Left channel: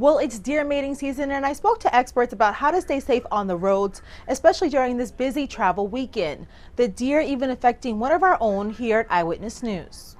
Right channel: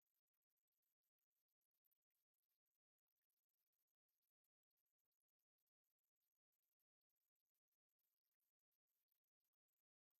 Well, it's deer mating season, and I spoke to experts about how to stay safe on the roads, especially during this busy travel weekend. The deer even affecting one of our own here at Eyewitness News.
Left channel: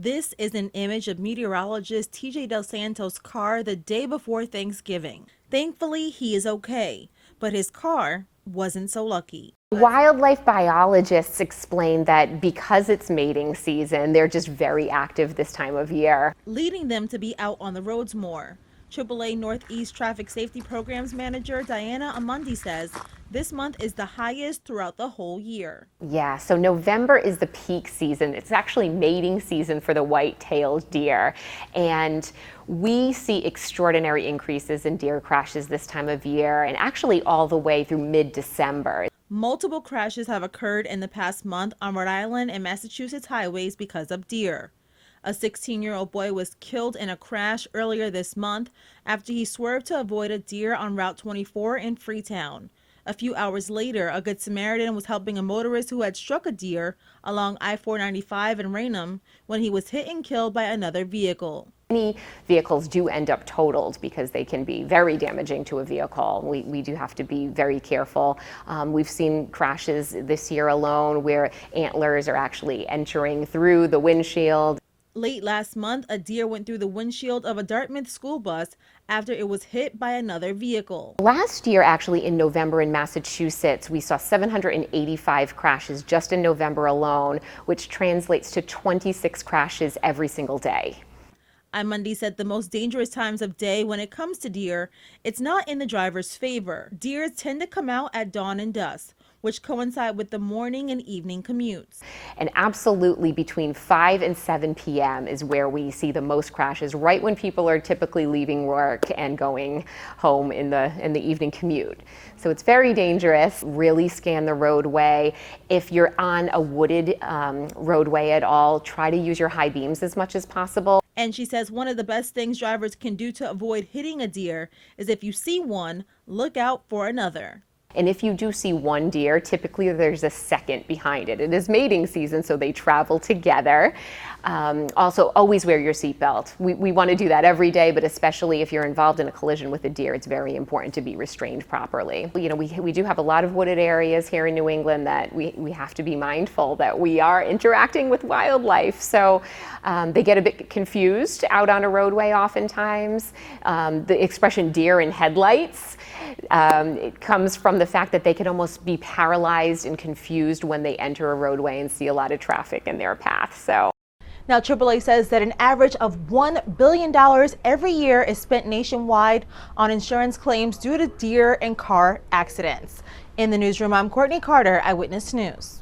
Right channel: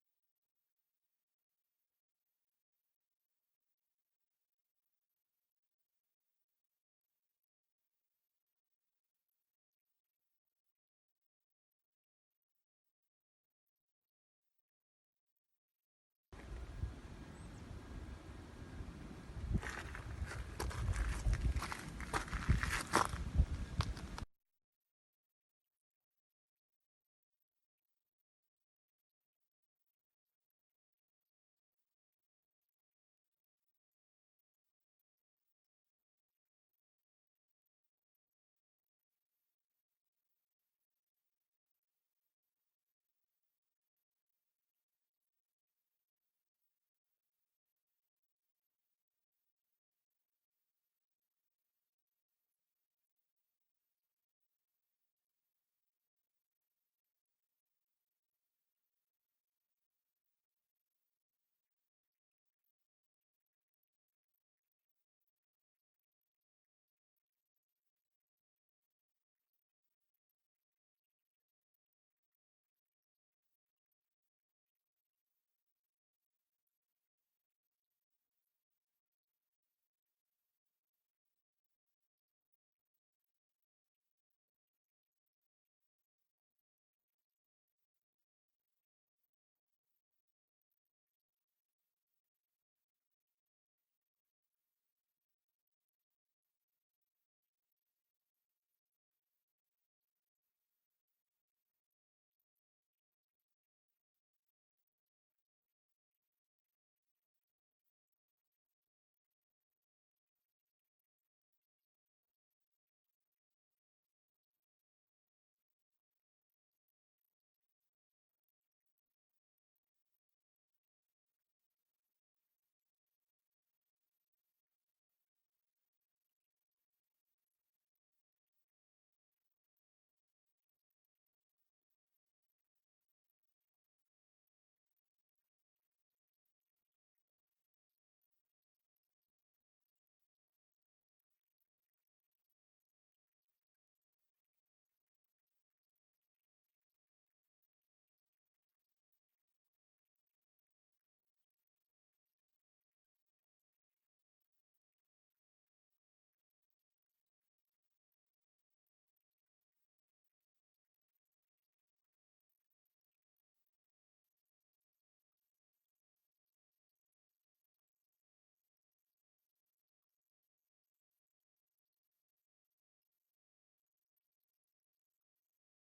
This is an image of meteorologist TJ Del Santo's car the day before Thanksgiving. Thankfully, he is okay, but his car wasn't so lucky. Wildlife biologists explain that because it's mating season, they're just very active this time of year, Leading them to be out on the roads more. AAA Northeast Traffic Safety Programs Manager Diana Amundi says this month is the highest throughout the whole year. Yeah, so November is the peak season. It's actually mating season for the white-tailed deer. And we see extraordinary increases in deer crashes this time of year, and actually all the way through mid-December. Multiple crashes have occurred in the past month on Rhode Island and Massachusetts highways because of deer. A 16-year-old boy was killed in a crash earlier this month after he swerved to avoid a deer on Route 24 in Freetown. A few hours later, a Good Samaritan was helping a motorist who had struck a deer along I-495 in Raynham when he was hit and killed by another vehicle. Many vehicles do end up totaled because they can be very damaging to a vehicle. We do have to be very careful. We've seen crashes this year alone where antlers are actually entering through the windshield. Late last month, a deer went through the windshield of a Dartmouth school bus after it was hit by another vehicle. Last year, actually in November in Massachusetts, we saw 785 crashes just in November alone, which translates to 26 crashes every single day. Amundi said the most dangerous times of day when it comes to deer, it's not in the driver's favor. Deer tend to come out at dawn and dusk, which coincide with the morning and evening commutes. And absolutely between 5 and 7 p.m. is where we see the most crashes, right when people are typically leaving work and going home in the evening commute. So it's very dangerous. Really scan the roadway. If you're on a wooded roadway at all, try to use your high beams as much as possible. And she says one of the best things drivers can do to avoid hitting a deer is if you see one, look out for another. And if you do see one deer, typically there's a second behind it. It is mating season, so they travel together. Also, always wear your seatbelt. We want to do that every day, but especially if you're involved in a collision with a deer, it's very important to be restrained properly. You know, we do have a lot of wooded areas here in New England that we have to be mindful that we are interacting with wildlife. So they get a bit confused out on a roadway oftentimes. The expression deer in headlights, it comes from the fact that they can almost be paralyzed and confused when they enter a roadway and see a lot of traffic in their path. So. Now, AAA says that an average of $1 billion every year is spent nationwide on insurance claims due to deer and car accidents. In the newsroom, I'm Courtney Carter, Eyewitness News.